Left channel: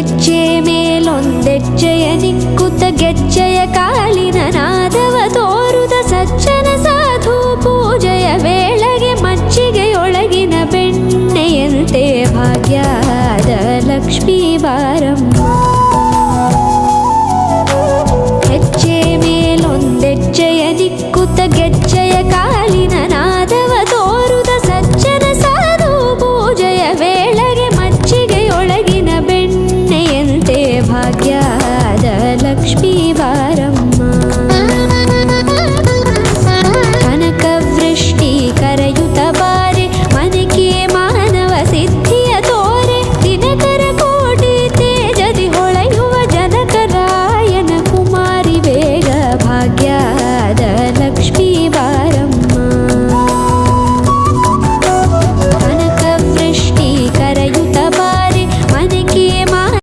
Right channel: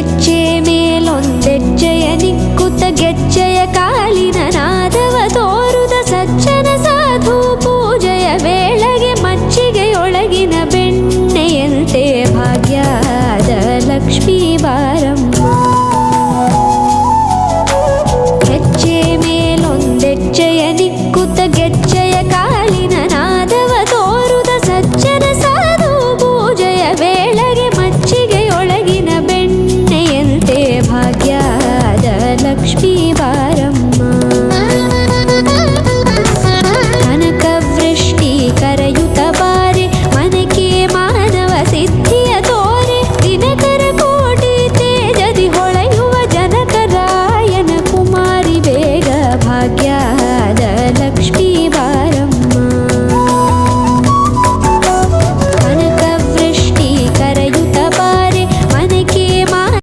ಹೆಜ್ಜೆ ಮೇಲೊಂದೆಜ್ಜೆಯ ನಿಕ್ಕುತ್ತ ಗೆಜ್ಜೆಯ ಕಾಲಿನ ನಾದವ ತೋರುದ ಸಜ್ಜನ ಸಾಧು ಪೂಜೆಯ ವೇಳೆಗೆ ಮಜ್ಜಿಗೆಯೊಳಗಿನ ಬೆಣ್ಣೆಯಂತೆ ಭಾಗ್ಯದ ಲಕ್ಷ್ಮೀ ಬಾರಮ್ಮ. ಹೆಜ್ಜೆ ಮೇಲೊಂದೆಜ್ಜೆಯ ನಿಕ್ಕುತ್ತ ಗೆಜ್ಜೆಯ ಕಾಲಿನ ನಾದವ ತೋರುದ ಸಜ್ಜನ ಸಾಧು ಪೂಜೆಯ ವೇಳೆಗೆ ಮಜ್ಜಿಗೆಯೊಳಗಿನ ಬೆಣ್ಣೆಯಂತೆ ಭಾಗ್ಯದ ಲಕ್ಷ್ಮೀ ಬಾರಮ್ಮ. ಕನಕವೃಷ್ಟಿ ಕರೆಯುತ್ತ ಬಾರೆ ಮನಕೆ ಮಾನವ ಸಿದ್ಧಿಯ ತೋರೆ ದಿನಕರ ಕೋಟಿ ತೇಜದಿ ಹೊಳೆಯುವ ಜನಕರಾಯನ ಕುಮಾರಿ ಬೇಗ ಭಾಗ್ಯದ ಲಕ್ಷ್ಮೀ ಬಾರಮ್ಮ.